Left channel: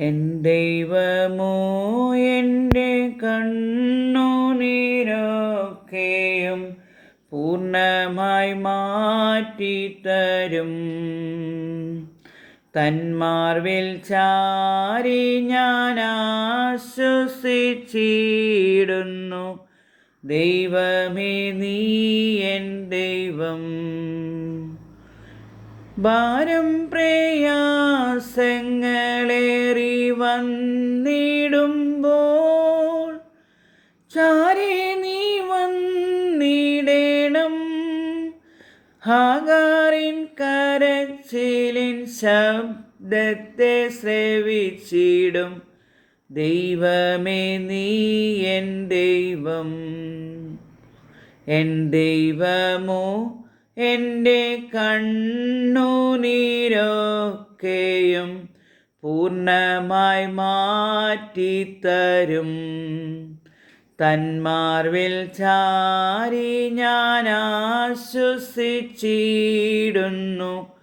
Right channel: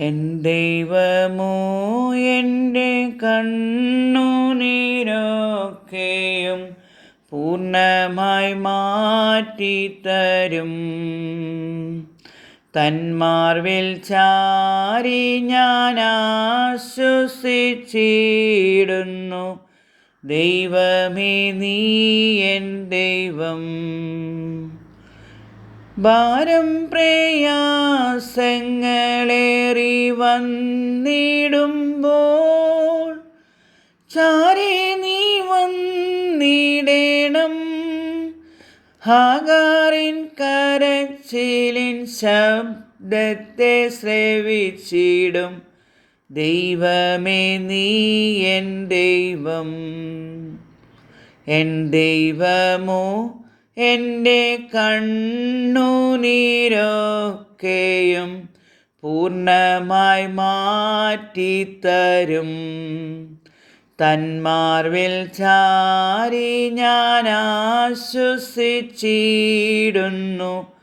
N ദൈവമോ എൻ്റെ കണ്ണുനീരൊക്കെയും പൂർണ്ണമായി മാറ്റിത്തരും. തന്മാർവിൽ ചാരി ഞാൻ ആശ്വസിച്ചിടുന്നു. ദൈവമേ നീ എൻ ദൈവം. ഭാരം പ്രയാസങ്ങളേറി വന്നിടുമ്പോൾ ചാരി നീ വന്നിടേണം. ഹാഗാറിൻ കരച്ചിലിൻ ശബ്ദത്തെ ശ്രവിച്ചിടും. ദൈവമേ നീ എൻ ദൈവം. എൻ ദൈവമോ എൻ്റെ കണ്ണുനീരൊക്കെയും പൂർണ്ണമായി മാറ്റിത്തരും. തന്മാർവിൽ ചാരി ഞാൻ ആശ്വസിച്ചിടുന്നു.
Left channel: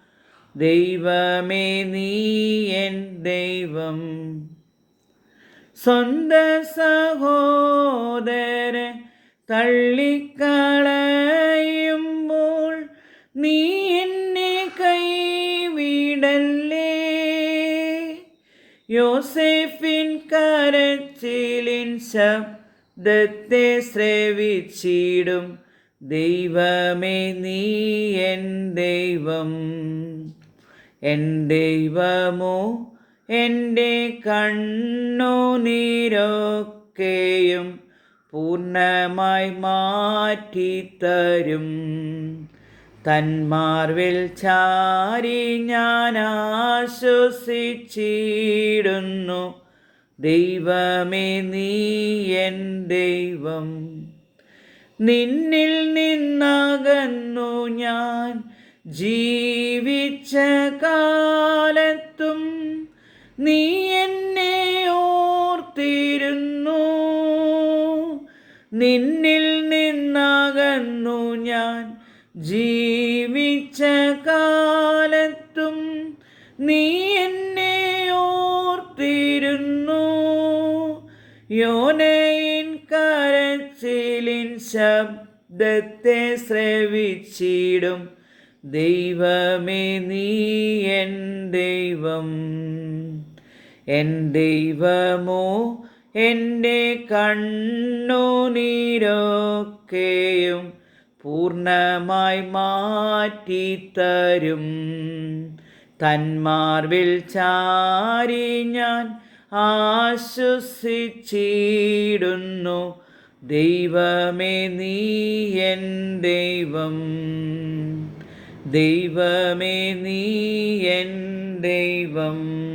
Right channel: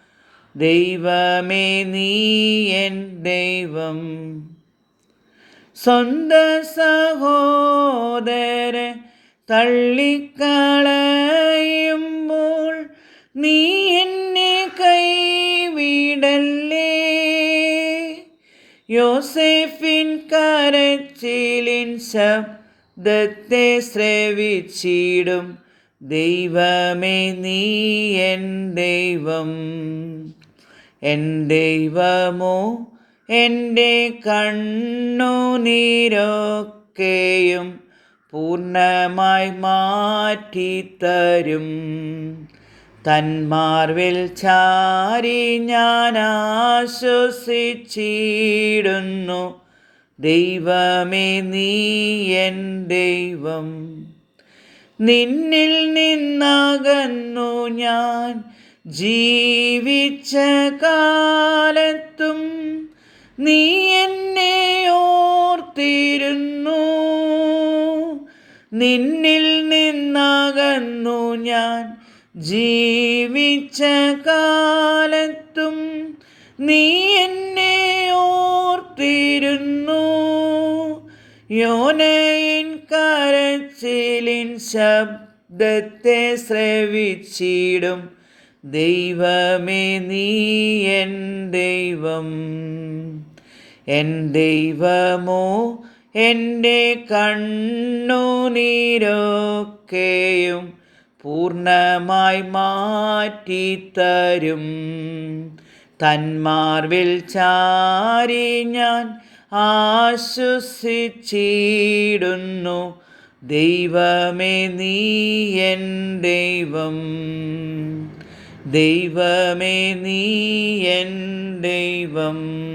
ദൈവമേ നീ എൻ ദൈവം. സ്വന്തം സഹോദരൻ തള്ളിക്കളയുമ്പോൾ നീ എന്നെ കൈവിടല്ലേ. യോസേഫിൻ കരച്ചിലിൻ ശബ്ദത്തെ ശ്രവിച്ചിടും. ദൈവമേ നീ എൻ ദൈവം. എൻ ദൈവമോ എൻ്റെ കണ്ണുനീരൊക്കെയും പൂർണ്ണമായി മാറ്റിത്തരും. തന്മാർവിൽ ചാരി ഞാൻ ആശ്വസിച്ചിടുന്നു. ദൈവമേ നീ എൻ ദൈവം. നിന്നിൽ നിന്നകന്നു ഞാൻ ജീവിച്ച കാലത്തും നീ എന്നെ ഓർത്തിരുന്നു. നിന്നിൽ നിന്നകന്നു ഞാൻ ജീവിച്ച കാലത്തും നീ എന്നെ ഓർത്തിരുന്നു. യോനയിൻ കരച്ചിലിൻ ശബ്ദത്തെ ശ്രവിച്ചിടും. ദൈവമേ നീ എൻ ദൈവം. എൻ ദൈവമോ എൻ്റെ കണ്ണുനീരൊക്കെയും പൂർണ്ണമായി മാറ്റിത്തരും. തന്മാർവിൽ ചാരി ഞാൻ ആശ്വസിച്ചിടുന്നു. ദൈവമേ നീ എൻ ദൈവം. ദൈവമേ നീ എൻ ദൈവം.